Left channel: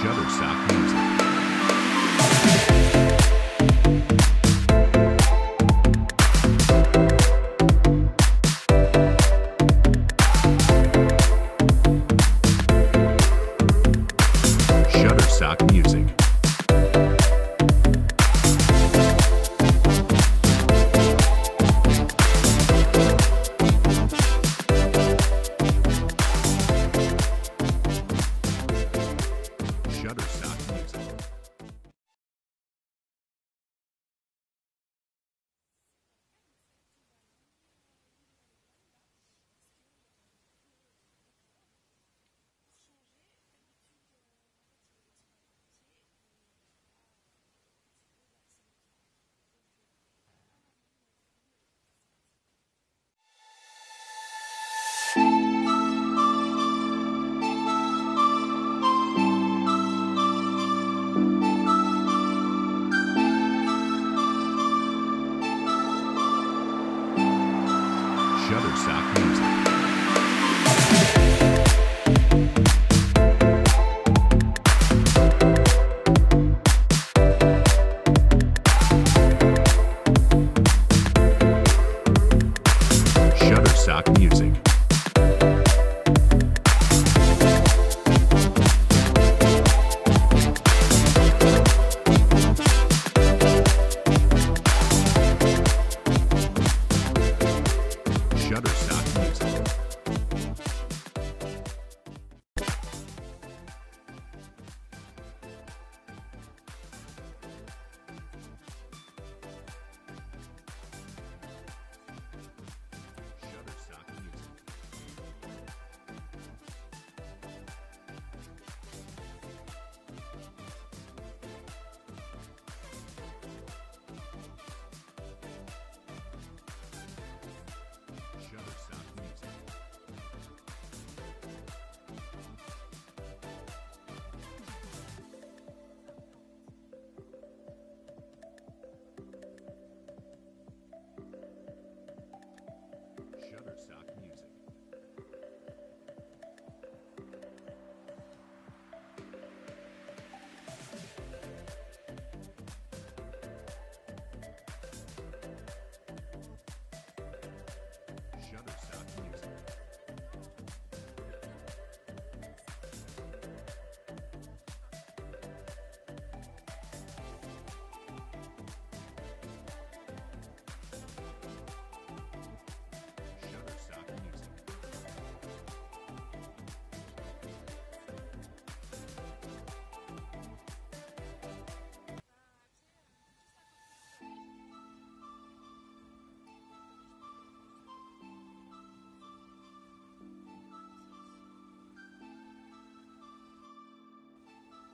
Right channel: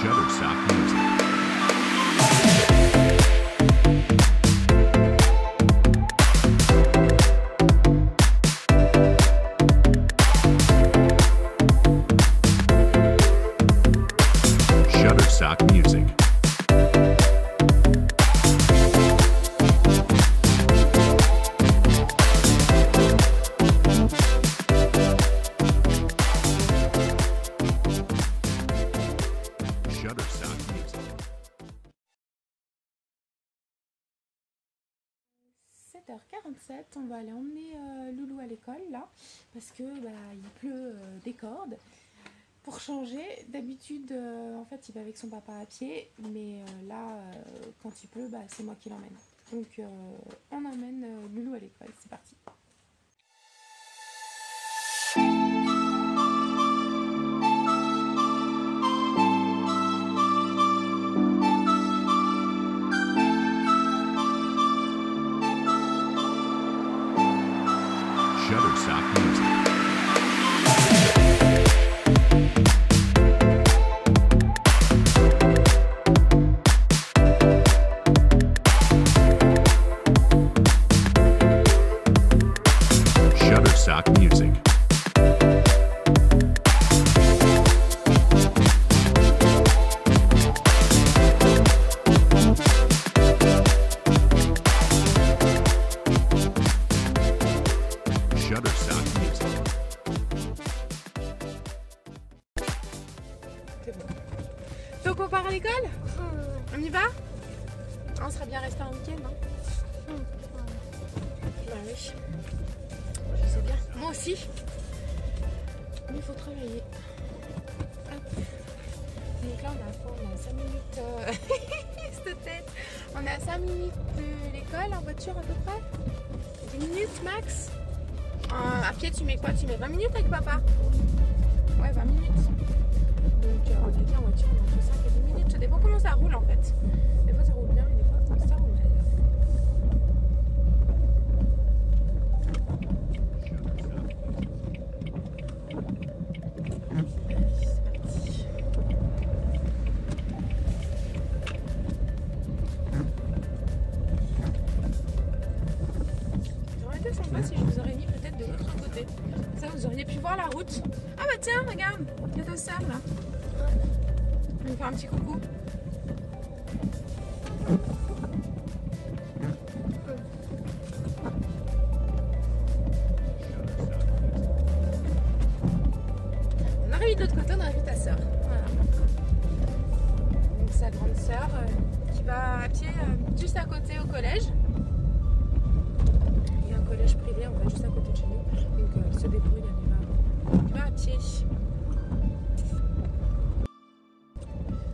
Shutterstock Music. Shutterstock Music. Shutterstock Music. 7h47, on va aller emmener Loulou à l'école là, parce que il pleut des cordes. Pour changer, d'habitude en fait il va avec son papa à pied, mais là quand il pleut, c'est moi qui l'emmène. Donc on emmène Loulou à l'école, c'est parti. Shutterstock Music. Shutterstock Music. Shutterstock Music. C'est bon. Donc on part à l'école? On y va? On serait bien resté un week-end, non? Bah oui. C'est bien. Moi aussi. Mais il faut travailler. Hop. Donc là on a 5 minutes. Cette tête. On est à 5 minutes de l'école en voiture à peu près. 10 minutes max. À pied tu mets quoi? Tu mets 20 minutes avec papa? Ouais, 20 minutes. Donc on a dit en voiture, on a fait ça, c'est 20 minutes. Ça dépend comment ça roule en fait. Des fois ça roule bien et des fois ça roule mal. Shutterstock Music. Ça aurait été sympa si je vous aurais mis peut-être de l'autre côté. Ça vous auriez pu voir la route. Ah bah tiens, regarde, il y a ta sœur là. On va lui faire un petit coucou. Shutterstock Music. On aurait mis de l'autre côté, on aurait vu ta sœur. Voilà. Donc sa grande sœur qui va à pied juste à côté au collège. Il y a un collège privé, on va juste à côté de chez nous. Donc elle se débrouille, elle va à pied.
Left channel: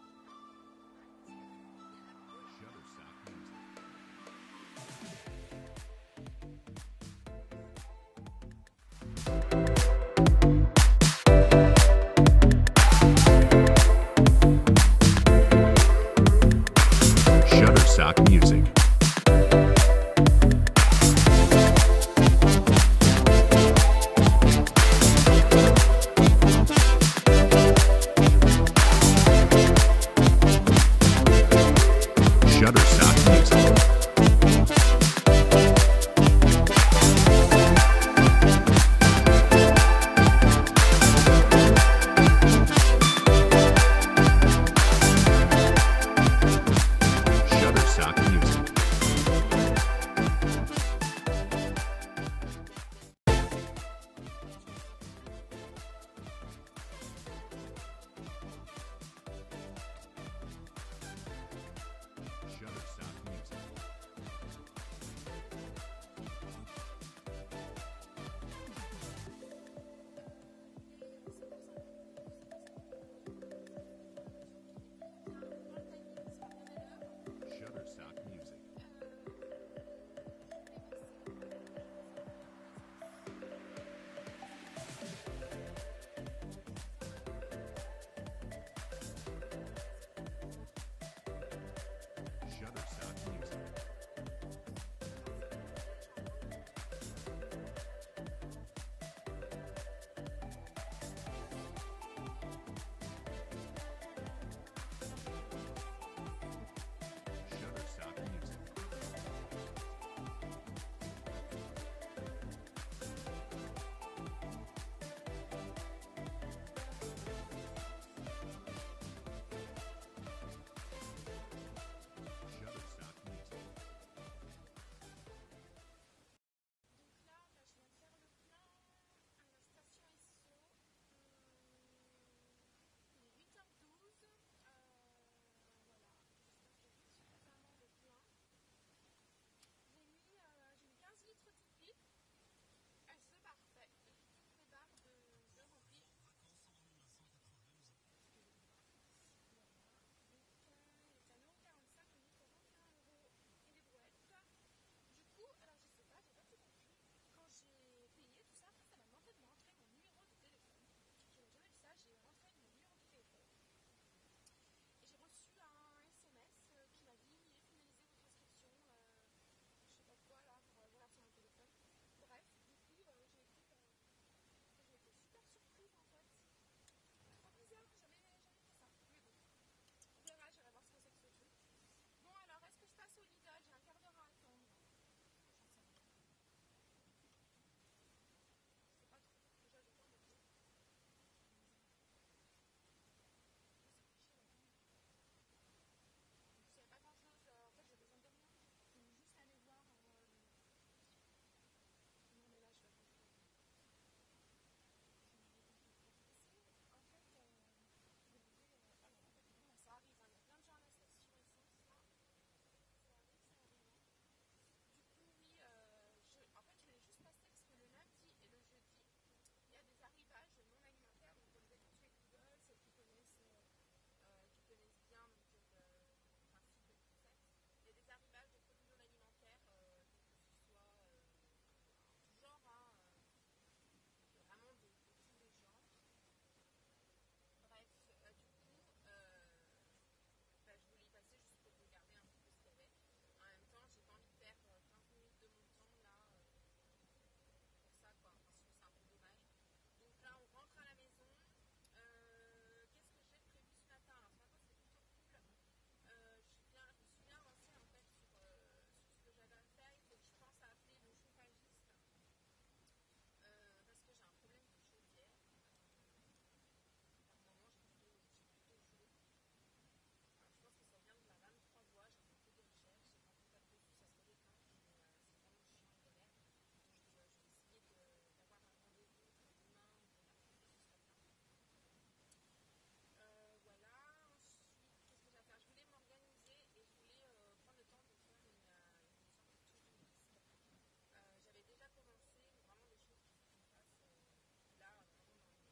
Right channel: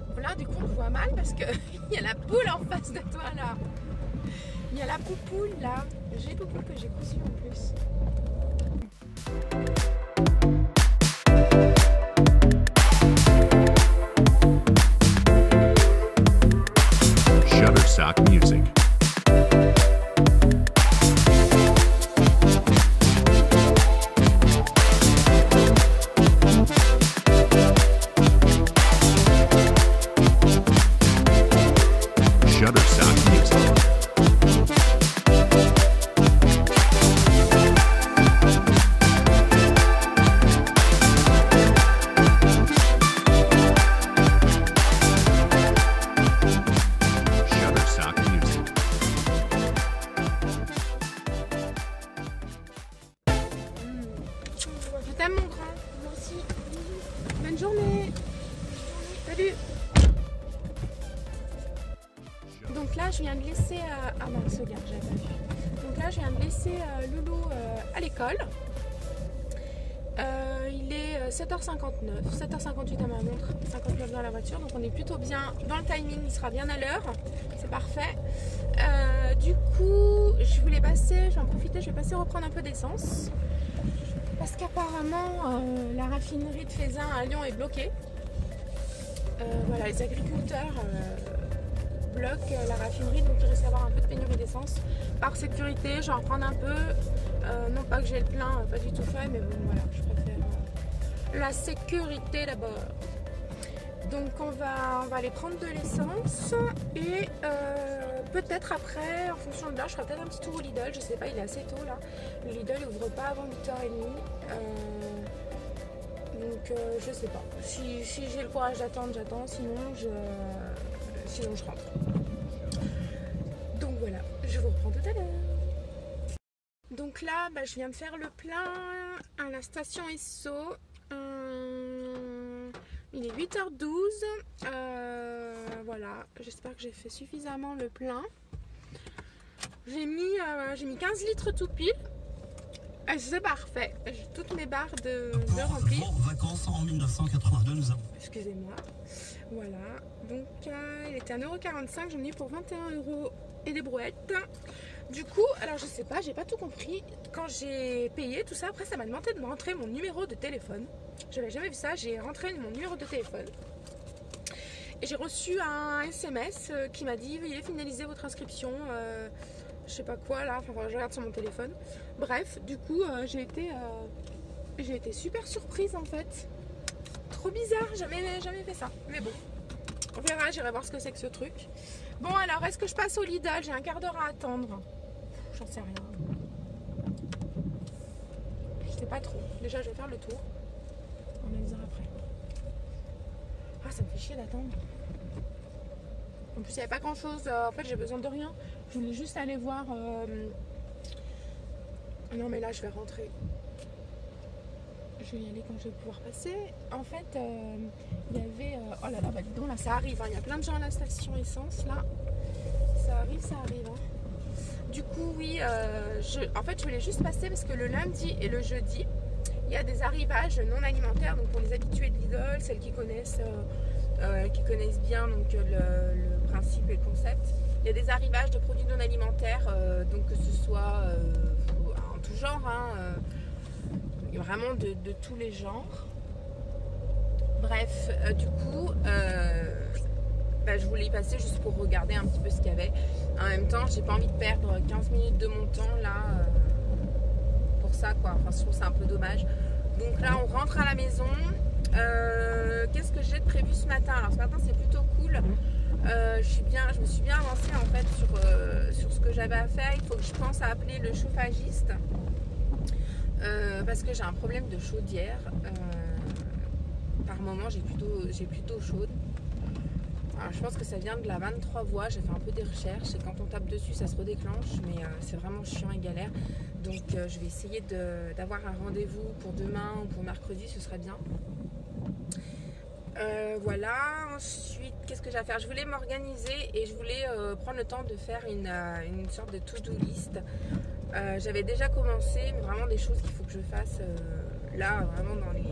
Bon, là du coup on voit mal parce que il y a la poule en face de toi là. Il y a la poupoule là. J'ai beaucoup que j'ai conçu en plus. Shutterstock Music. Shutterstock Music. Shutterstock Music. Je t'aime mon grand, moi aussi. Bonne journée. Salut. Donc là je viens de laisser ah non c'est bien, j'avais pas vu. Donc là je viens de laisser Loulou à l'école. Il est 7h59, 7h58 à ma montre, 59 dans la voiture, donc on est plutôt bien dans le timing, il sera bien à l'heure, c'est parfait. Du coup je voulais passer, je vais en profiter, je vais passer reprendre un peu d'essence. Parce qu'apparemment la raffinerie de Feyzin à Lyon est bloquée. Voilà, les agriculteurs bloquent la raffinerie, donc il risque d'avoir un peu de pénurie d'essence. Par sécurité, je vais en reprendre un peu. Non pas que j'ai le plein, pas du tout fait, mais bon voilà, je préfère la sécurité d'abord. Donc on va aller prendre de l'essence et peut-être après, en fonction de l'heure, je ferai peut-être un petit tour au Lidl. Je sais pas, il est assez tôt là. Le Lidl n'ouvre pas avant 8h30. Donc je sais pas. Si j'ai le courage d'attendre, j'attends. Sinon je rentre. Donc voilà, je vous reprends tout à l'heure. Donc là, je viens de faire le plein à la station Esso. Il est 8h12. Voilà, j'espère que j'ai fait suffisamment le plein. J'ai mis 15 litres tout pile. C'est parfait. J'ai toutes mes barres de remplies. Vacances en 1982, nous avons. Excusez-moi. Voilà. Donc il était à 1,45 €. J'en ai eu pour 21 € et des brouettes. Du coup, alors je sais pas, j'ai pas tout compris. Quand j'ai payé tout ça, après ça m'a demandé de me rentrer mon numéro de téléphone. J'avais jamais vu ça, j'ai rentré mon numéro de téléphone. Et j'ai reçu un SMS qui m'a dit veuillez finaliser votre inscription. Je sais pas quoi là, enfin je regarde sur mon téléphone. Bref, du coup j'ai été super surprise en fait. Trop bizarre, jamais fait ça. Mais bon, on verra, j'irai voir ce que c'est que ce truc. Bon alors, est-ce que je passe au Lidl? J'ai un quart d'heure à attendre. J'en sais rien. Je sais pas trop. Déjà, je vais faire le tour. On analysera après. Ah, ça me fait chier d'attendre. En plus, il n'y avait pas grand chose. En fait, j'ai besoin de rien. Je voulais juste aller voir. Non, mais là, je vais rentrer. Je vais y aller quand je vais pouvoir passer. En fait, il y avait. Oh là là, dis donc, là, ça arrive. Hein. Il y a plein de gens à la station essence. Là, ça arrive. Hein. Du coup, oui, en fait, je voulais juste passer parce que le lundi et le jeudi, il y a des arrivages non alimentaires. Donc, pour les habitués de Lidl, celles qui connaissent bien donc, le principe et le concept, il y a des arrivages de produits non alimentaires, donc que ce soit en tout genre, hein, vraiment de tous les genres. Bref, du coup, je voulais y passer juste pour regarder un petit peu ce qu'il y avait. En même temps, j'ai pas envie de perdre 15 minutes de mon temps là pour ça quoi. Enfin, je trouve ça un peu dommage. Donc là, on rentre à la maison. Qu'est-ce que j'ai de prévu ce matin? Alors ce matin, c'est plutôt cool. Je me suis bien avancée en fait sur ce que j'avais à faire. Il faut que je pense à appeler le chauffagiste parce que j'ai un problème de chaudière. Par moment, j'ai plutôt chaude. Alors, je pense que ça vient de la 23 voies. J'ai fait un peu des recherches et quand on tape dessus, ça se redéclenche, mais c'est vraiment chiant et galère. Donc, je vais essayer d'avoir un rendez-vous pour demain ou pour mercredi, ce serait bien. Voilà. Ensuite, qu'est-ce que j'ai à faire? Je voulais m'organiser et je voulais prendre le temps de faire une sorte de to-do list. J'avais déjà commencé, mais vraiment des choses qu'il faut que je fasse là, vraiment dans les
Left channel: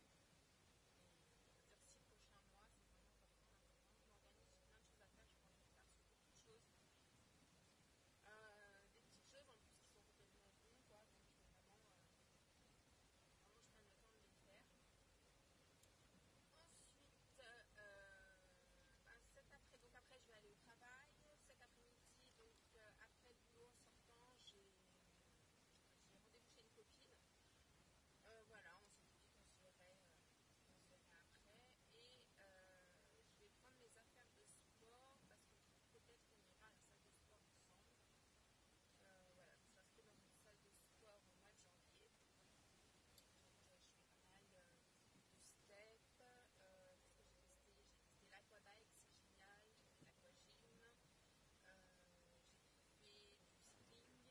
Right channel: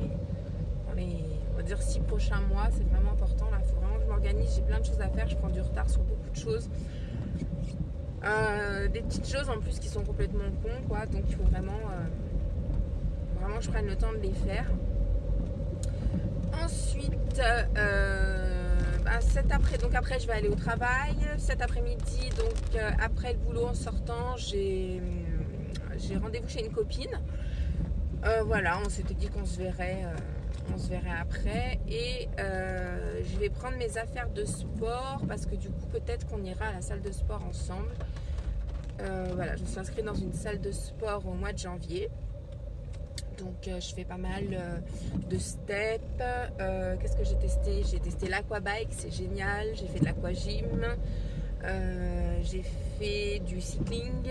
on va dire 6 prochains mois. C'est vraiment important là, il faut vraiment que je m'organise. J'ai plein de choses à faire, je prends du retard sur beaucoup de choses, des petites choses en plus qui sont complètement cons quoi, donc il faut vraiment que je prenne le temps de les faire. Ensuite après je vais aller au travail cet après-midi, donc après le boulot en sortant j'ai rendez-vous chez une copine. Voilà, on s'était dit qu'on se verrait après et je vais prendre mes affaires de sport parce que du coup peut-être qu'on ira à la salle de sport ensemble. Voilà, je me suis inscrite dans une salle de sport au mois de janvier, donc je fais pas mal de steps. Qu'est-ce que j'ai testé? J'ai testé l'aquabike, c'est génial. J'ai fait de l'aquagym, j'ai fait du cycling.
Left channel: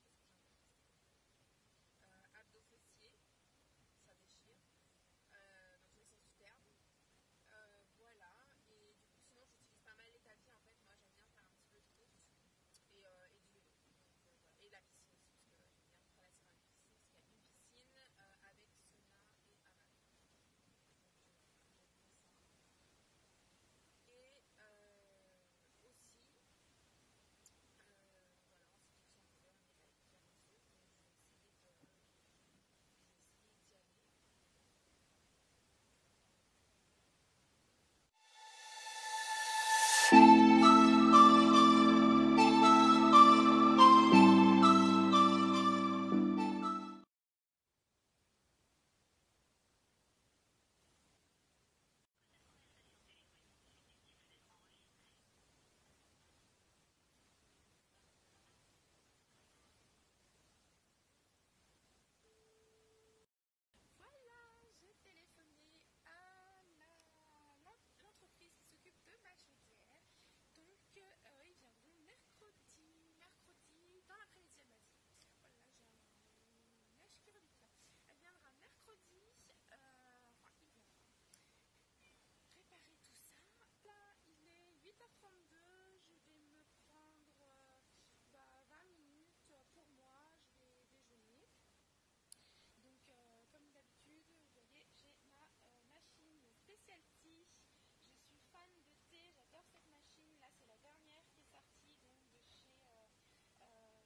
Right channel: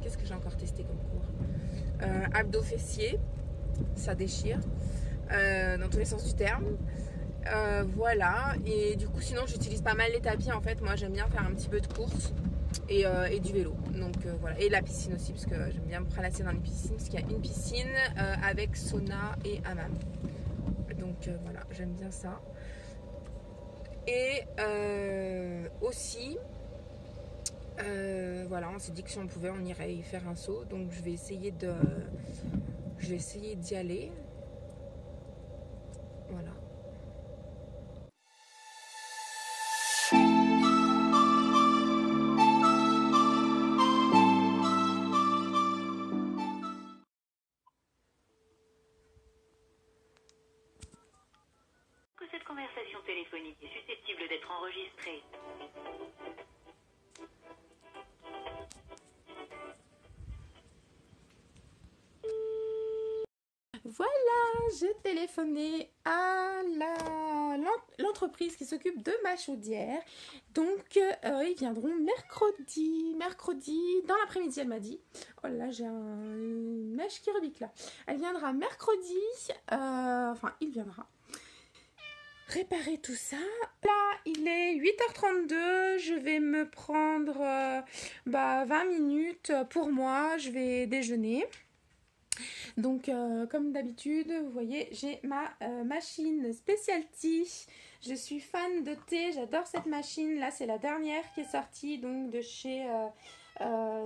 Qu'est-ce que j'ai encore testé comme cours? Abdos fessiers, ça déchire dans tous les sens du terme. Voilà, et du coup sinon j'utilise pas mal les tapis en fait. Moi j'aime bien faire un petit peu de course et du vélo, donc voilà, et la piscine aussi parce que j'aime bien me prélasser dans les piscines parce qu'il y a une piscine avec sauna et hammam, donc voilà, j'aime bien ça. Et aussi voilà, on s'est dit que si on pouvait on irait y faire un saut, donc je vais essayer d'y aller. Voilà. Que cette conversation conversation téléphonique est susceptible d'être enregistrée. Voilà, j'ai téléphoné à l'entreprise qui s'occupe de ma chaudière. Donc, ils viendront mercredi dans l'après-midi, elle m'a dit. Oh là, j'ai une mèche qui rebique là. Elle viendra mercredi, enfin, il viendra réparer tout ça. Là, il est 8h32, je vais me prendre 20 minutes pour moi, je vais déjeuner. Donc, comme d'habitude, vous voyez, j'ai ma machine Specialty. Je suis fan de thé, j'adore cette machine. Là, c'est la dernière qui est sortie donc de chez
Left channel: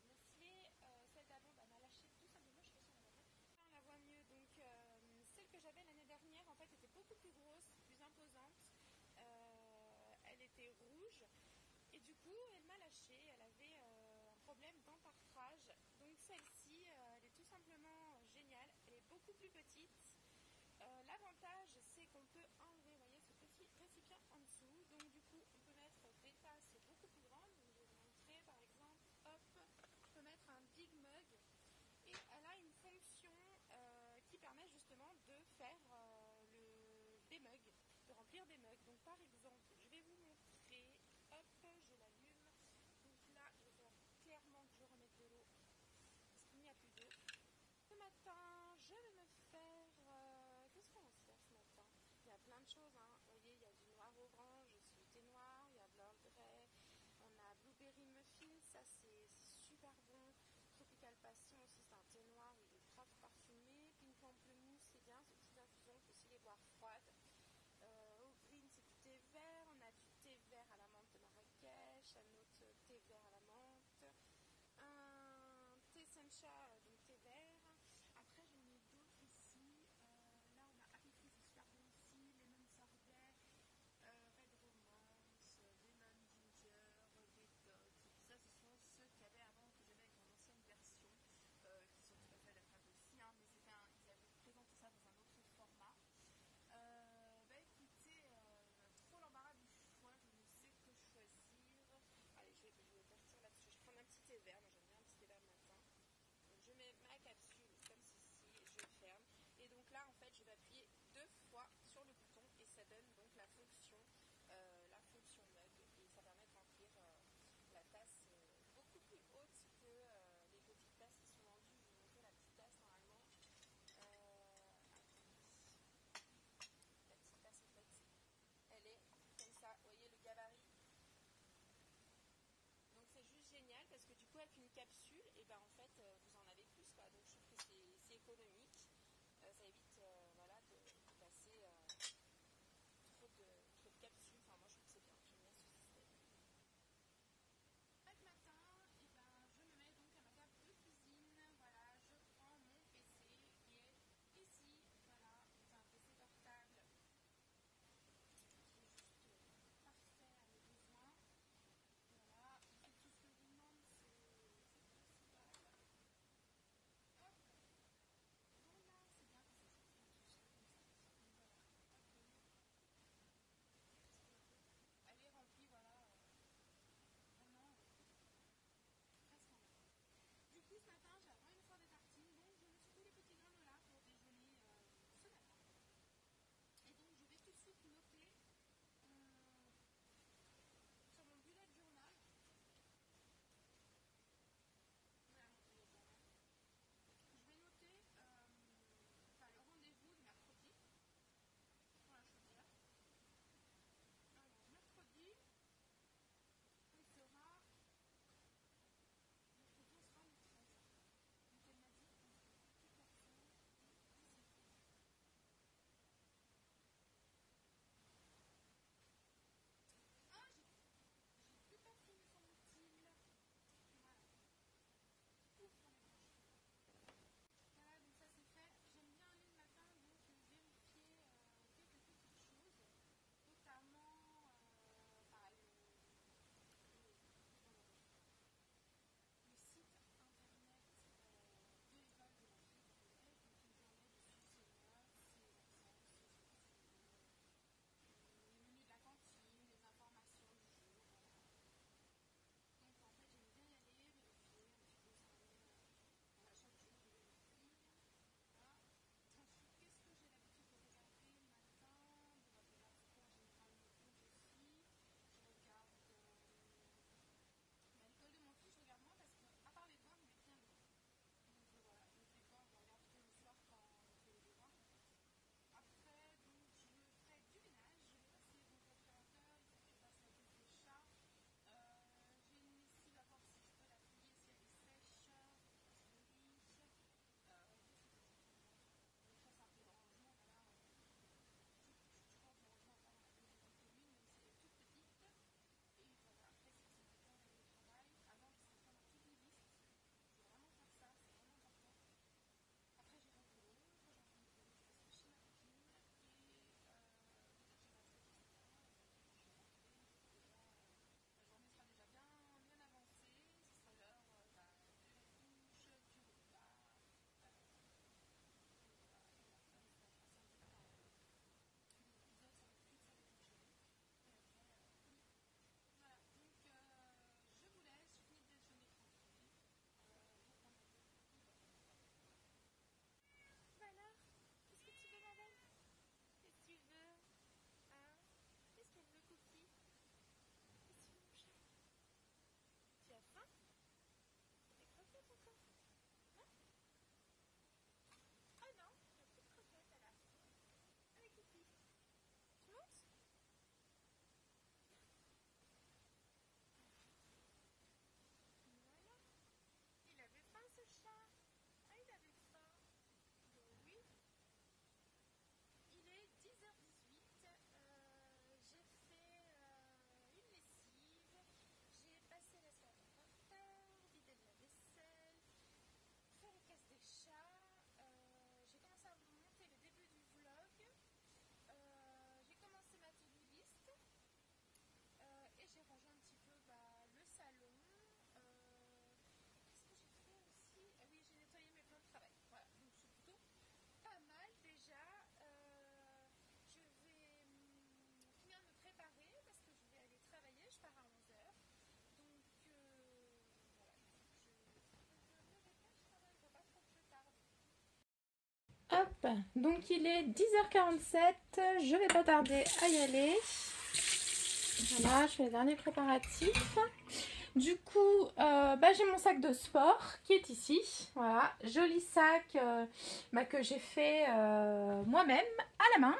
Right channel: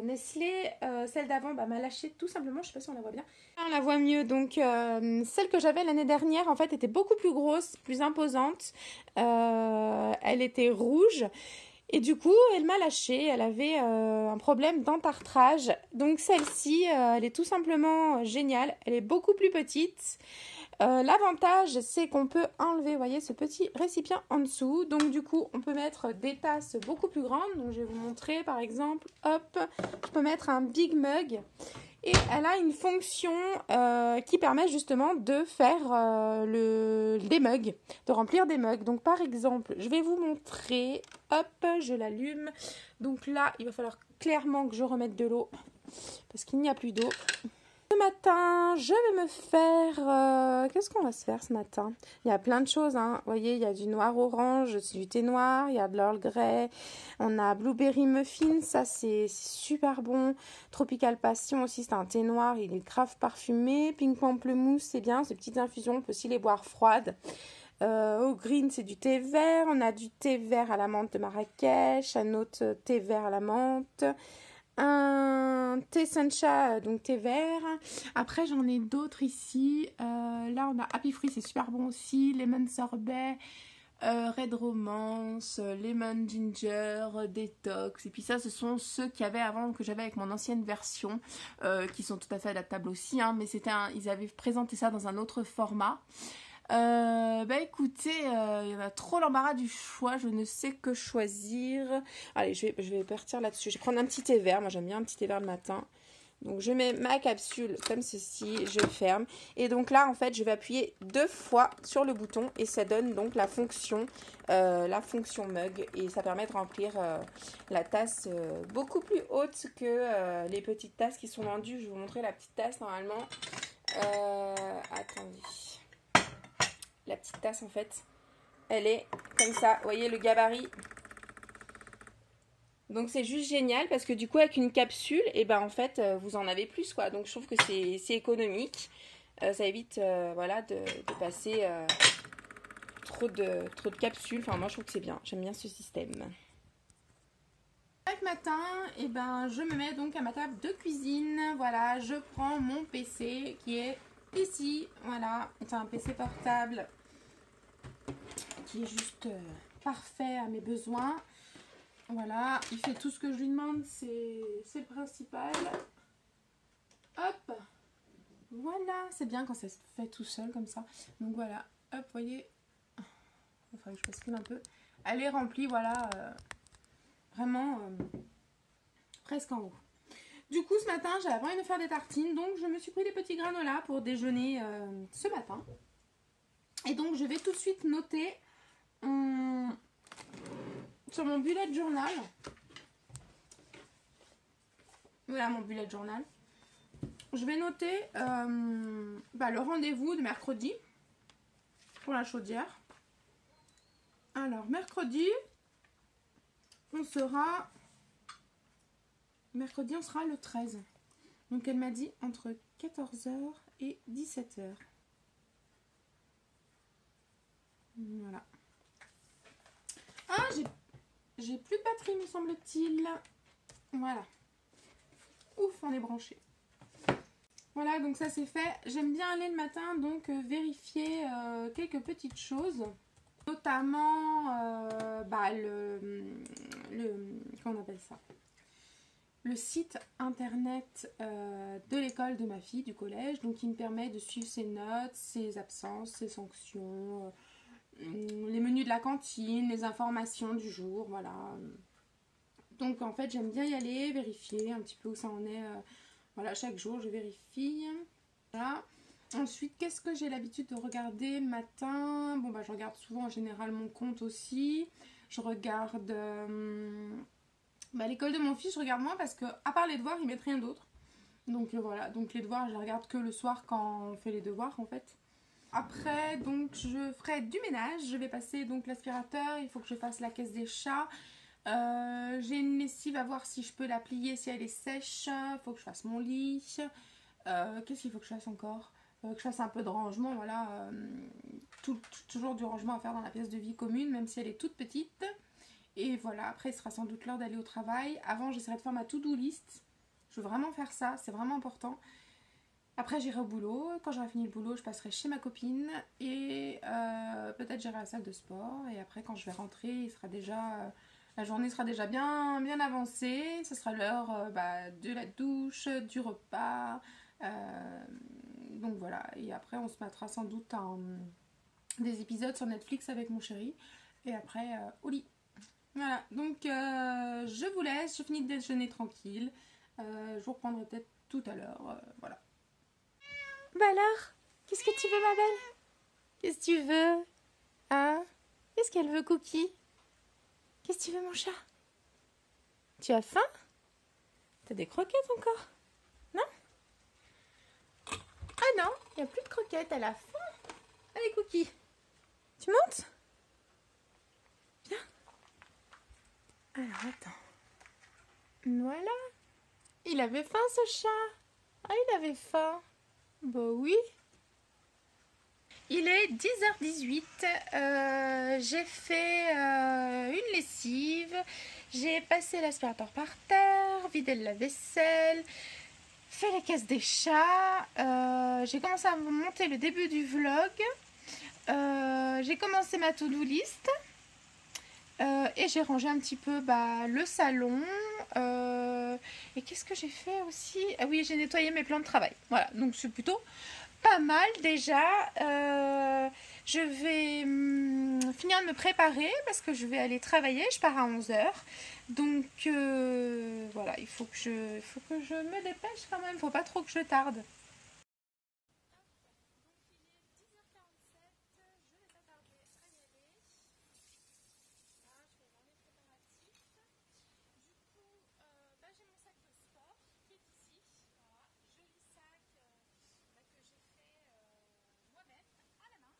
Nestlé. Celle d'avant m'a lâché tout simplement, je sais pas si on la voit bien. On la voit mieux, donc celle que j'avais l'année dernière en fait était beaucoup plus grosse, plus imposante. Elle était rouge. Et du coup, elle m'a lâché, elle avait un problème d'entartrage. Donc celle-ci, elle est tout simplement géniale, elle est beaucoup plus petite. L'avantage, c'est qu'on peut enlever, vous voyez, ce petit récipient en dessous. Donc du coup, on peut mettre des tasses beaucoup plus grandes. Donc je vais vous montrer, par exemple, hop, je peux mettre un Big Mug. Et elle a une fonction qui permet justement de faire des mugs, de remplir des mugs. Donc par exemple, je vais vous montrer, hop, je l'allume. Donc là, il va falloir clairement que je remette de l'eau parce qu'il n'y a plus d'eau. Ce matin, je vais me faire... qu'est-ce qu'on va se faire ce matin? Il y a plein de choses, hein. Vous voyez, il y a du noir orange, du thé noir, il y a de l'Earl Grey, on a Blueberry Muffin, ça c'est super bon. Tropical Passion aussi, c'est un thé noir, il est grave parfumé. Pink Pamplemousse, c'est bien, ces petites infusions, on peut aussi les boire froides. Au green, c'est du thé vert, on a du thé vert à la menthe de Marrakech, un autre thé vert à la menthe. Un thé sencha, donc thé vert. Après, j'en ai d'autres ici. Là, on a Happy Fruit, c'est super bon aussi. Lemon sorbet, Red Romance, Lemon Ginger, Detox. Et puis ça, ce sont ceux qu'il y avait avant, que j'avais avec mon ancienne version, qui sont tout à fait adaptables aussi. Hein, mais ils avaient présenté ça dans un autre format. Écoutez, il y en a trop l'embarras du choix, je ne sais que choisir. Allez, je vais partir là-dessus. Je vais prendre un petit thé vert, moi j'aime bien un petit thé vert le matin. Donc je mets ma capsule comme ceci, je ferme. Et donc là en fait je vais appuyer 2 fois sur le bouton et ça donne donc la fonction mug. Et ça permet de remplir la tasse beaucoup plus haute que les petites tasses qui sont vendues. Je vais vous montrer la petite tasse normalement. Attendez. La petite tasse en fait, elle est comme ça, vous voyez le gabarit. Donc c'est juste génial parce que du coup avec une capsule, et en fait vous en avez plus quoi. Donc je trouve que c'est économique, ça évite voilà de passer trop de capsules. Enfin moi je trouve que c'est bien, j'aime bien ce système. Chaque matin, je me mets donc à ma table de cuisine. Voilà, je prends mon PC qui est ici. Voilà, c'est un PC portable qui est juste parfait à mes besoins. Voilà, il fait tout ce que je lui demande, c'est le principal. Hop, voilà, c'est bien quand ça se fait tout seul comme ça. Donc voilà, hop, vous voyez, il faudrait que je bascule un peu. Elle est remplie, voilà, vraiment presque en haut. Du coup, ce matin, j'avais envie de faire des tartines, donc je me suis pris des petits granolas pour déjeuner ce matin. Et donc, je vais tout de suite noter sur mon bullet journal. Voilà mon bullet journal. Je vais noter le rendez-vous de mercredi pour la chaudière. Alors, mercredi, on sera le 13. Donc, elle m'a dit entre 14h et 17h. Voilà. Ah, j'ai plus de batterie, me semble-t-il. Voilà. Ouf, on est branché. Voilà, donc ça c'est fait. J'aime bien aller le matin, donc vérifier quelques petites choses. Notamment, comment on appelle ça? Le site internet de l'école de ma fille, du collège. Donc, il me permet de suivre ses notes, ses absences, ses sanctions... les menus de la cantine, les informations du jour, voilà. Donc en fait j'aime bien y aller, vérifier un petit peu où ça en est. Voilà, chaque jour je vérifie. Voilà. Ensuite, qu'est-ce que j'ai l'habitude de regarder le matin? Bon bah je regarde souvent en général mon compte aussi. Je regarde l'école de mon fils, je regarde moins parce que à part les devoirs, ils mettent rien d'autre. Donc voilà, donc les devoirs, je les regarde que le soir quand on fait les devoirs en fait. Après, donc je ferai du ménage, je vais passer donc l'aspirateur, il faut que je fasse la caisse des chats. J'ai une lessive à voir si je peux la plier, si elle est sèche. Il faut que je fasse mon lit. Qu'est-ce qu'il faut que je fasse encore? Que je fasse un peu de rangement, voilà. Toujours du rangement à faire dans la pièce de vie commune, même si elle est toute petite. Et voilà, après il sera sans doute l'heure d'aller au travail. Avant, j'essaierai de faire ma to-do list. Je veux vraiment faire ça, c'est vraiment important. Après j'irai au boulot, quand j'aurai fini le boulot je passerai chez ma copine et peut-être j'irai à la salle de sport et après quand je vais rentrer il sera déjà, la journée sera déjà bien avancée, ce sera l'heure de la douche, du repas, donc voilà, et après on se mettra sans doute des épisodes sur Netflix avec mon chéri et après au lit. Voilà, donc je vous laisse, je finis de déjeuner tranquille, je vous reprendrai peut-être tout à l'heure, voilà. Bah alors, qu'est-ce que tu veux ma belle? Qu'est-ce que tu veux? Hein? Qu'est-ce qu'elle veut Cookie? Qu'est-ce que tu veux mon chat? Tu as faim? T'as des croquettes encore? Non? Ah non, il n'y a plus de croquettes, elle a faim. Allez Cookie, tu montes? Viens. Alors attends. Voilà. Il avait faim ce chat. Ah il avait faim. Bah oui. Il est 10h18. J'ai fait une lessive. J'ai passé l'aspirateur par terre, vidé le lave-vaisselle, fait les caisses des chats. J'ai commencé à monter le début du vlog. J'ai commencé ma to-do list. Et j'ai rangé un petit peu le salon. Et qu'est-ce que j'ai fait aussi? Ah oui, j'ai nettoyé mes plans de travail. Voilà, donc c'est plutôt pas mal déjà. Je vais finir de me préparer parce que je vais aller travailler. Je pars à 11h. Donc voilà, il faut que je me dépêche quand même. Il ne faut pas trop que je tarde. Hop, donc il est 10h47. Je vais pas tarder à y aller. Voilà, je fais les derniers préparatifs. Du coup, j'ai mon sac de sport qui est ici. Voilà, joli sac que j'ai fait moi-même à la main.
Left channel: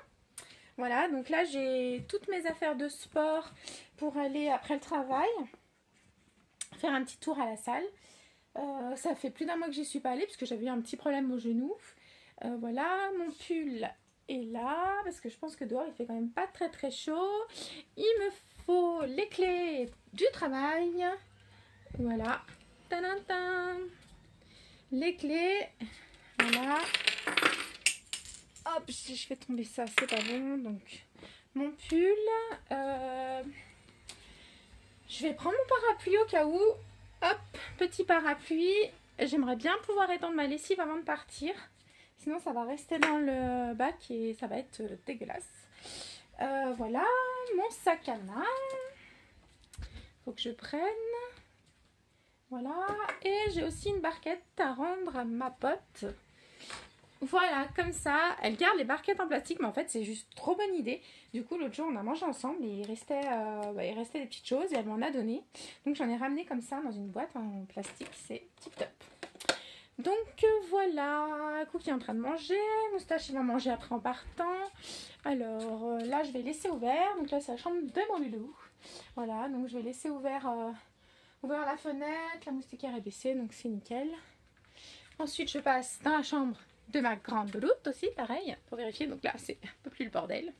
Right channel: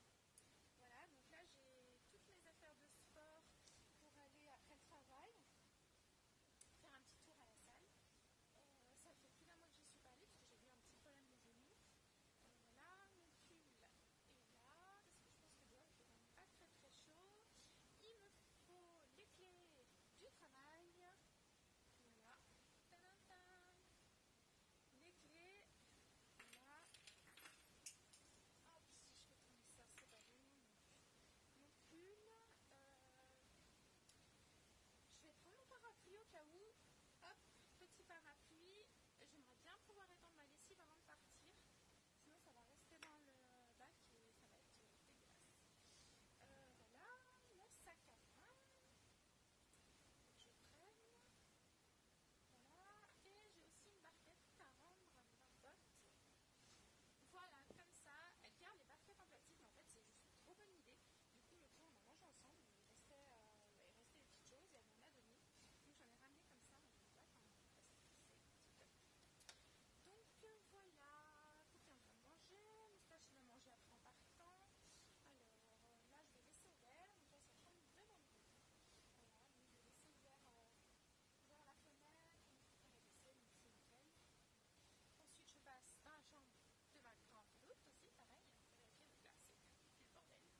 Voilà, donc là j'ai toutes mes affaires de sport pour aller après le travail faire un petit tour à la salle. Ça fait plus d'un mois que j'y suis pas allée parce que j'avais eu un petit problème au genou. Voilà, mon pull est là parce que je pense que dehors il fait quand même pas très très chaud. Il me faut les clés du travail. Voilà. Tadam, les clés. Voilà. Hop, si je fais tomber ça, c'est pas bon. Donc, mon pull. Je vais prendre mon parapluie au cas où. Hop, petit parapluie. J'aimerais bien pouvoir étendre ma lessive avant de partir. Sinon, ça va rester dans le bac et ça va être dégueulasse. Voilà, mon sac à main. Faut que je prenne. Voilà, et j'ai aussi une barquette à rendre à ma pote. Voilà, comme ça, elle garde les barquettes en plastique, mais en fait c'est juste trop bonne idée. Du coup l'autre jour on a mangé ensemble et il restait des petites choses et elle m'en a donné. Donc j'en ai ramené comme ça dans une boîte en plastique, c'est tip top. Donc voilà, Cookie est en train de manger, Moustache il va manger après en partant. Alors là je vais laisser ouvert, donc là c'est la chambre de mon loulou. Voilà, donc je vais laisser ouvert la fenêtre, la moustiquaire est baissée, donc c'est nickel. Ensuite, je passe dans la chambre de ma grande louloute aussi, pareil, pour vérifier. Donc là, c'est un peu plus le bordel.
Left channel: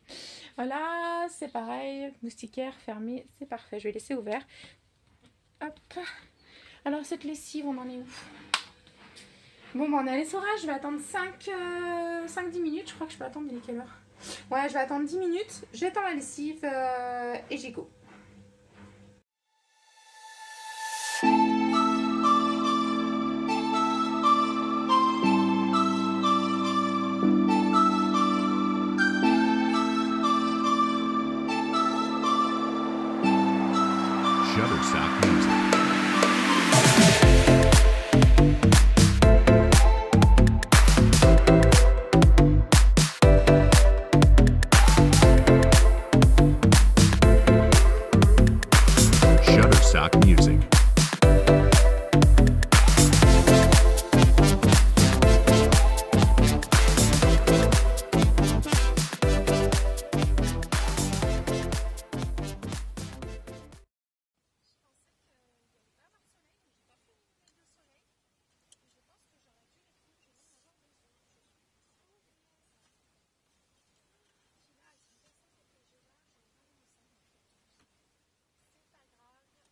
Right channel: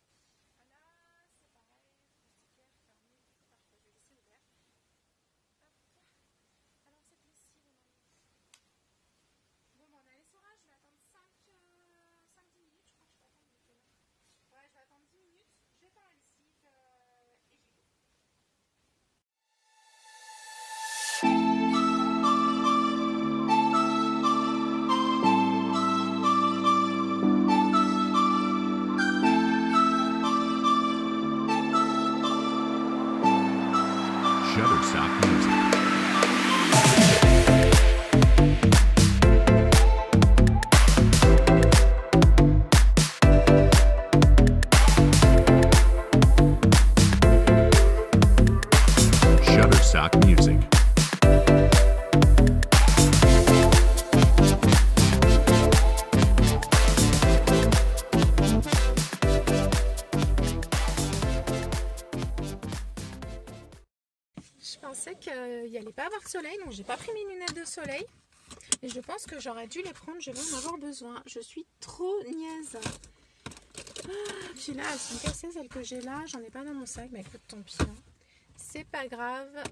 Voilà, c'est pareil, moustiquaire fermée, c'est parfait. Je vais laisser ouvert. Hop. Alors, cette lessive, on en est où? Bon, on est à l'essorage, je vais attendre 5-10 minutes. Je crois que je peux attendre, il est quelle heure? Ouais, je vais attendre 10 minutes. J'étends la lessive et j'y go. Shutterstock Music. Shutterstock Music. Je pensais qu'il n'y allait pas avoir de soleil, donc j'ai pas pris mes lunettes de soleil. Et je pense que j'aurais dû les prendre, je vais en avoir besoin. Je suis trop niaise. Puis là, elles sont cassées, celles que j'ai là. J'en ai pas dans mon sac, mais écoute, tant pis. Hein. C'est pas grave.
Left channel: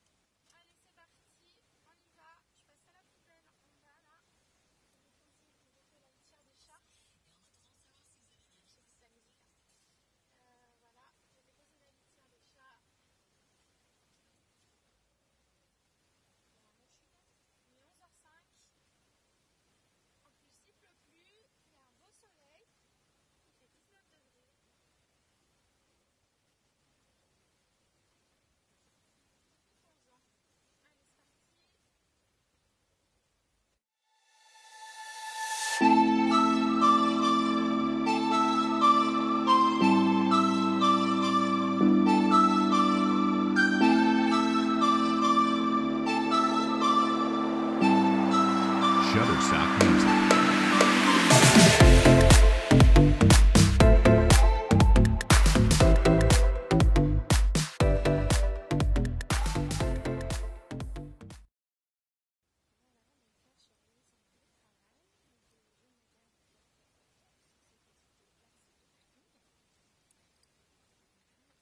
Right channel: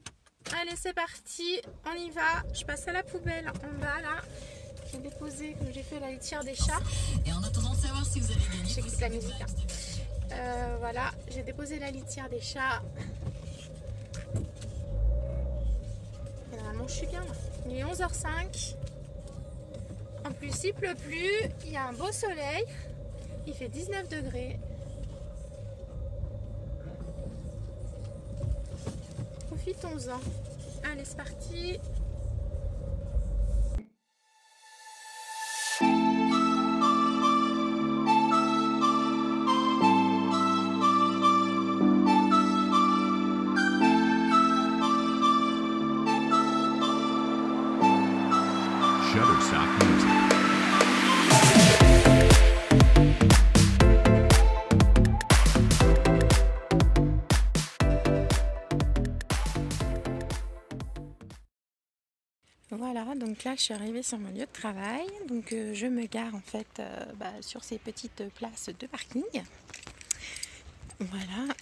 Allez, c'est parti, on y va. Je passe à la poubelle en bas là. J'ai déposé, comme j'ai fait la litière des chats. Et en attendant de savoir si vous avez gagné, J'écoute la musique. Hein. Voilà, j'ai déposé la litière des chats. Et normalement, je suis bien là. Il est 11h05. En plus, il pleut plus. Il y a un beau soleil. Il fait 19 degrés. Profitons-en. Allez, c'est parti. Shutterstock Music. Voilà, donc là je suis arrivée sur mon lieu de travail. Donc je me gare en fait sur ces petites places de parking. Voilà.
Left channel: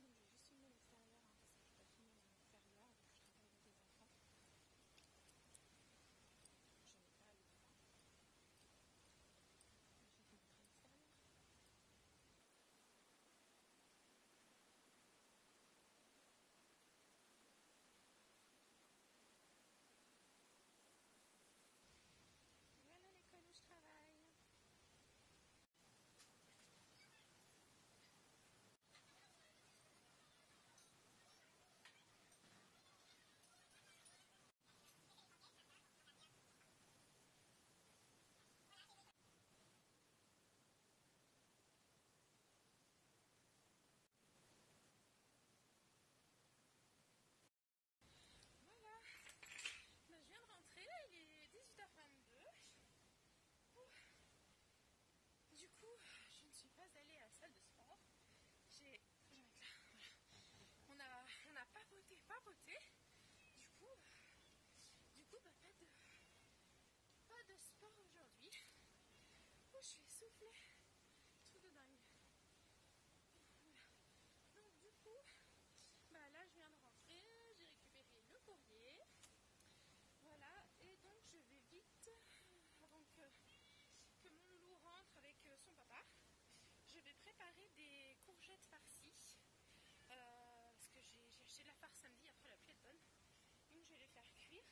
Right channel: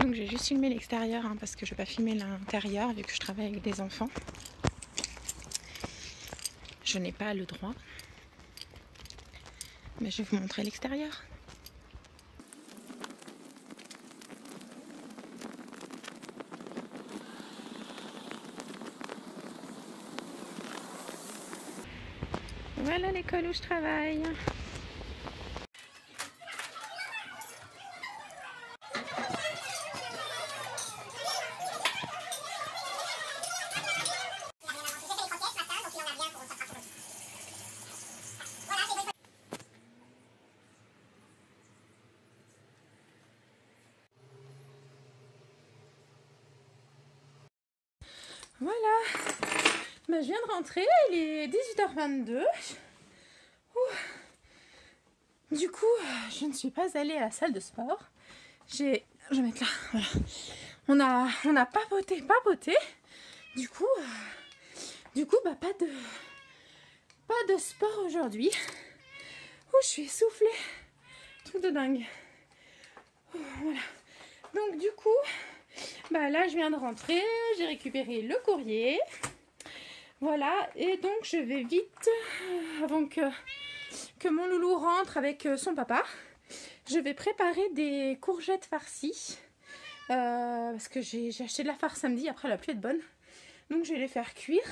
Donc j'ai juste filmé l'extérieur hein, parce que je ne vais pas filmer l'intérieur vu que je travaille avec des enfants. Je n'ai pas le droit. Mais je vais vous montrer l'extérieur. Voilà l'école où je travaille. Voilà, je viens de rentrer, il est 18h22. Du coup, je ne suis pas allée à la salle de sport. Je vais mettre là, voilà. On a papoté. Du coup, pas de sport aujourd'hui. Je suis essoufflée. Truc de dingue. Voilà. Donc du coup, là je viens de rentrer, j'ai récupéré le courrier. Voilà, et donc je vais vite, avant que mon loulou rentre avec son papa, je vais préparer des courgettes farcies. Parce que j'ai acheté de la farce samedi, après la pluie est bonne. Donc je vais les faire cuire.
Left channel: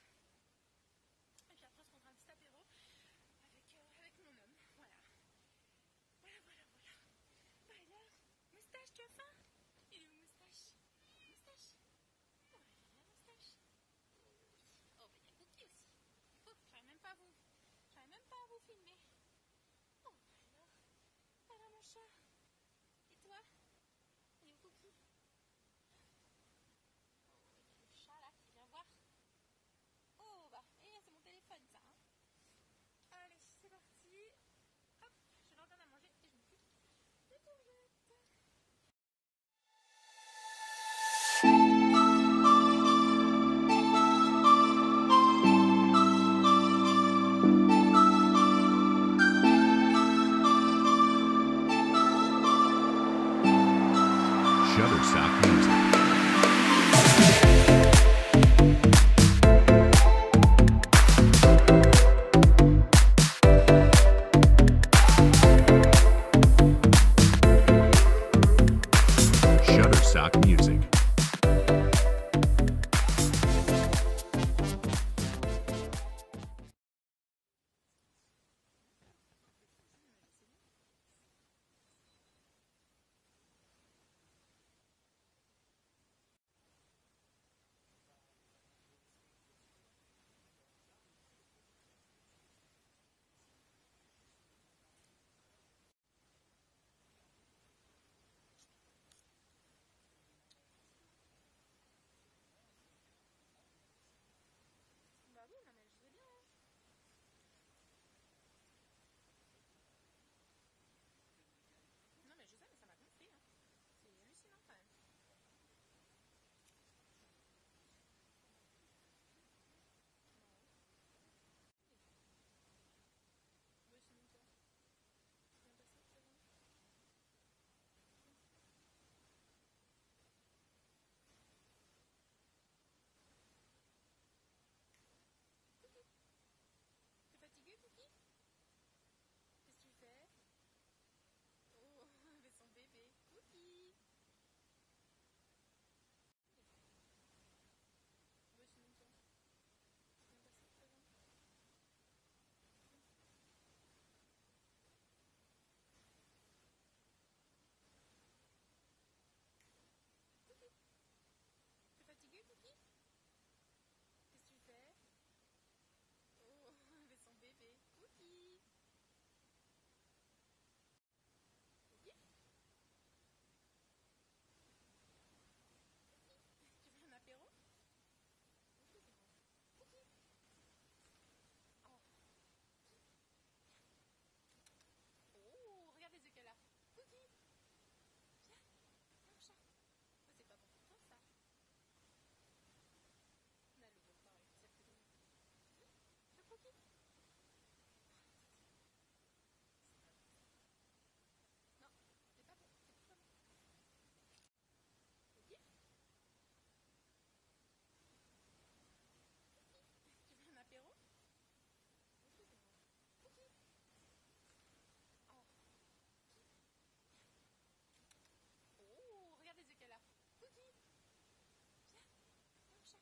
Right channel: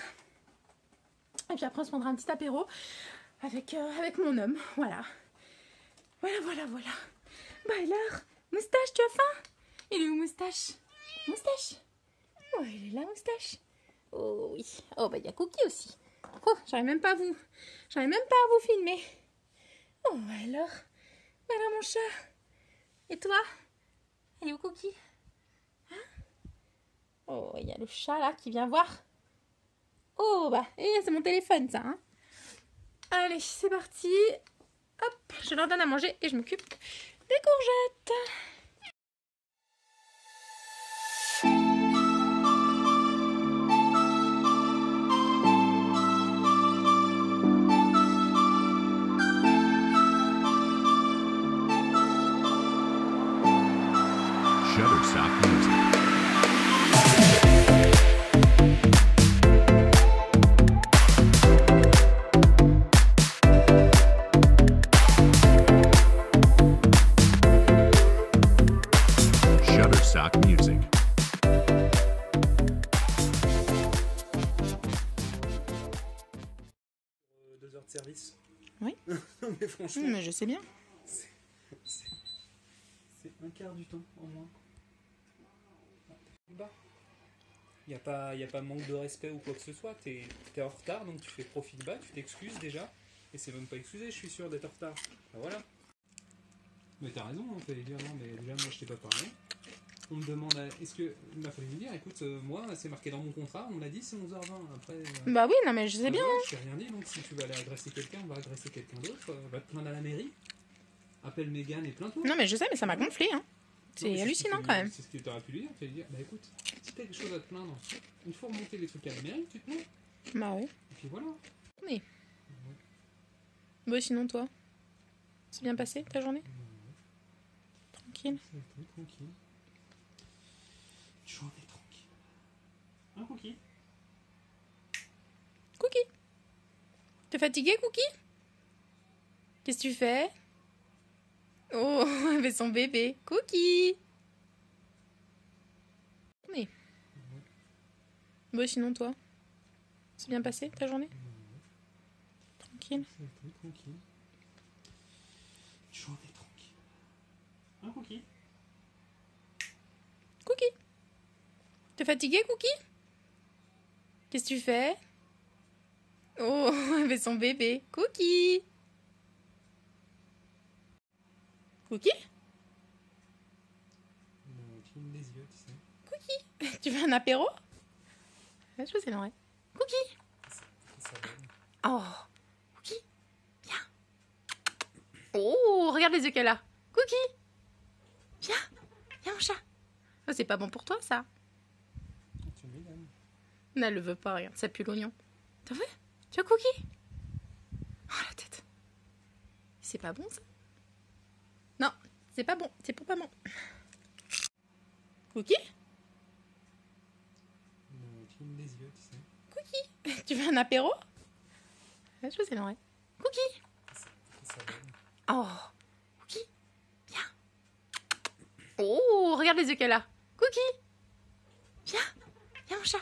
Et puis après on se prendra un petit apéro avec mon homme. Voilà. Voilà. Alors, Moustache, tu as faim? Il est où Moustache? Moustache? Oh, il est là, Moustache. Oh oui. Oh, il y a Cookie aussi. Oh, j'arrive même pas à vous filmer. Oh, alors mon chat. Et toi? Il est où Cookie? Hein? Oh, il y a le chat là qui vient voir. Oh, c'est mon téléphone ça. Hein. Allez, c'est parti. Hop, je leur donne à manger et je m'occupe des courgettes. Shutterstock Music. Shutterstock Music. 2 heures de service. Oui. Mais franchement, Mais je sais bien. c'est un quart du temps au moins. Bas. Il n'y a pas manque de respect ou quoi que ce soit. T'es en retard, donc tu fais profil bas, tu t'excuses déjà. Et c'est même pas excusé, je suis sûr d'être en retard. Ben voilà. Mais t'as raison, hein, fallait dire non, mais déjà moi je t'ai pas parlé. On me demande, est-ce que. Il m'a fallu lui dire, écoute, moi c'est marqué dans mon contrat, on me l'a dit, c'est 11h20. Après. Bah oui, non mais je sais bien. Voilà, je t'ai rien dit, donc si tu veux aller agresser quelqu'un, on va agresser quelqu'un d'autre. Va te plaindre à la mairie. Appelle Mégane et plains-toi. Non mais je sais, mais ça m'a gonflé, hein. Non, mais C'est hallucinant quand même. C'est ce que tu aurais pu lui dire. Tu lui dire, bah écoute, si t'as quelque chose à te plaindre, une fois remonter les trucs à la mairie, tu te mets. Bah oui. Et puis voilà. Oui. Bon, sinon toi, c'est bien passé ta journée? Tranquille. Ça a été tranquille. Journée tranquille. Un cookie. Cookie. T'es fatigué, Cookie? Qu'est-ce que tu fais? Oh, elle fait son bébé. Cookie. Oui. Bon, sinon toi, c'est bien passé ta journée? Tranquille. Ça a été tranquille. Journée tranquille. Un cookie. Cookie. T'es fatigué, Cookie? Qu'est-ce que tu fais? Oh, elle fait son bébé. Cookie. Cookie? Cligne les yeux, tu sais. Tu veux un apéro? Je sais l'oreille. Cookie. Ça donne. Oh, Cookie, viens. Oh, regarde les yeux qu'elle a. Cookie, viens, viens mon chat. Oh, c'est pas bon pour toi ça. Tu me donnes. Non, elle le veut pas, regarde, ça pue l'oignon. T'as vu? Tu as Cookie? Oh la tête. C'est pas bon ça? Non, c'est pas bon, c'est pour maman. Cookie? Cligne les yeux, tu sais. Cookie, tu veux un apéro? Je sais l'oreille. Cookie. Ça donne. Oh, Cookie, viens. Oh, regarde les yeux qu'elle a. Cookie, viens, viens mon chat.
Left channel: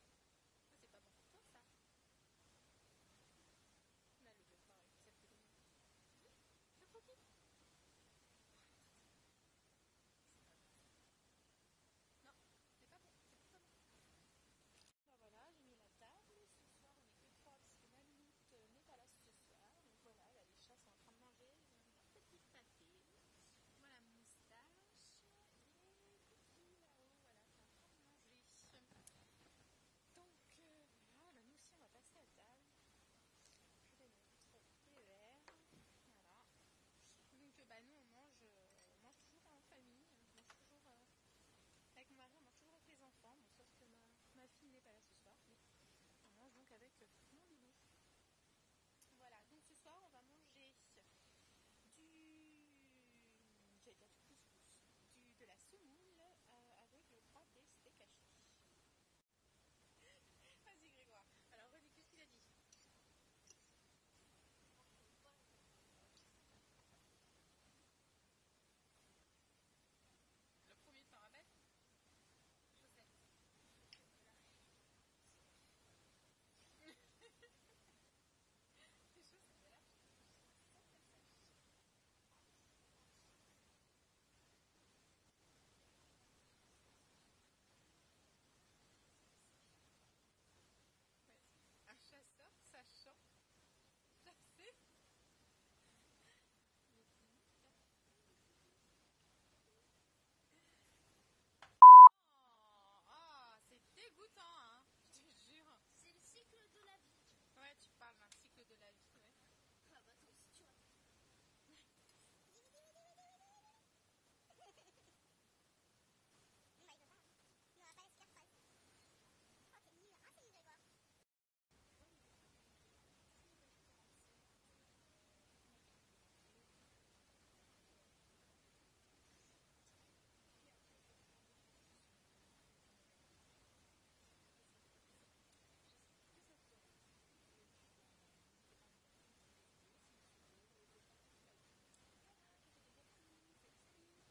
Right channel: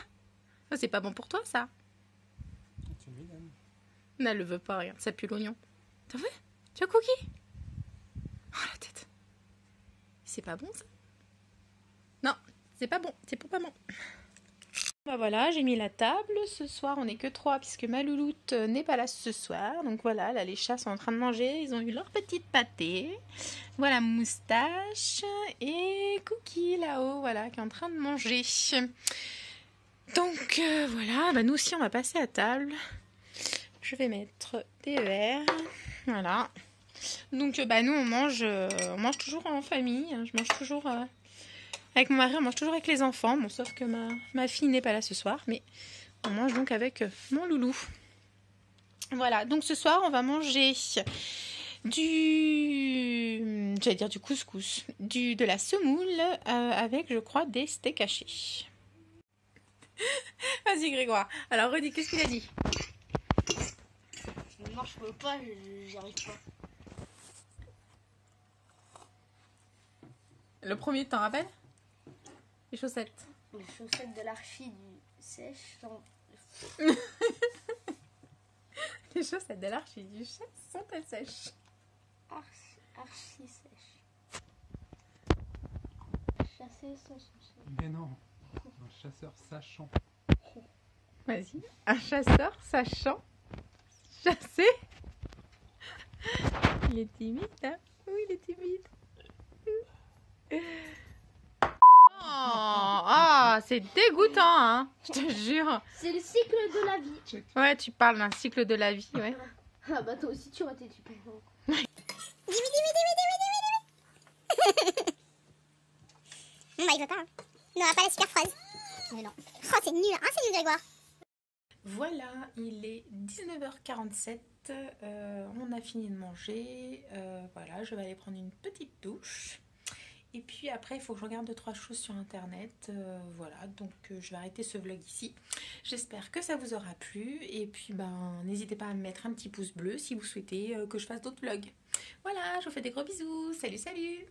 Oh, c'est pas bon pour toi ça. Tu me donnes. Non, elle le veut pas, regarde, ça pue l'oignon. T'as vu? Tu as Cookie? Oh la tête. C'est pas bon ça? Non, c'est pas bon, c'est pour maman. Bah voilà, j'ai mis la table. Ce soir, on n'est que 3 puisque ma louloute n'est pas là ce soir. Donc voilà, là les chats sont en train de manger. Ils ont eu leur petite pâtée. Voilà Moustache et Cookie là-haut, voilà, qui est en train de manger. Donc voilà, bah nous aussi on va passer à table. Je vais mettre des verres. Voilà. Donc bah nous on mange toujours en famille. Je mange toujours avec mon mari, on mange toujours avec les enfants. Bon, sauf que ma fille n'est pas là ce soir, mais on mange donc avec mon loulou. Voilà, donc ce soir on va manger du couscous, de la semoule avec, je crois, des steaks hachés. Vas-y Grégoire. Alors redis, qu'est-ce qu'il a dit? Non, je peux pas, j'y arrive pas. Le premier, tu t'en rappelles? Les chaussettes. Les chaussettes de l'archi du sèche sont... Les chaussettes de l'archi du chat sont-elles sèches? archi sèches. Chasser sans souci. Mais non. Un chasseur sachant. Vas-y. Un chasseur sachant chasser. Il est timide, hein? Oui, il est timide. Oh, c'est dégoûtant, hein? Je te jure. C'est le cycle de la vie. Ouais, tu parles d'un cycle de la vie, ouais. Ah bah toi aussi tu aurais été super. Non, bah il veut pas. Hein. Non, pas la super phrase. Mais non. Oh, c'est nul, hein, c'est nul, Grégoire. Voilà, il est 19h47. On a fini de manger. Voilà, je vais aller prendre une petite douche. Et puis après, il faut que je regarde 2-3 choses sur internet. Voilà, donc je vais arrêter ce vlog ici. J'espère que ça vous aura plu. Et puis, n'hésitez pas à me mettre un petit pouce bleu si vous souhaitez que je fasse d'autres vlogs. Voilà, je vous fais des gros bisous. Salut, salut!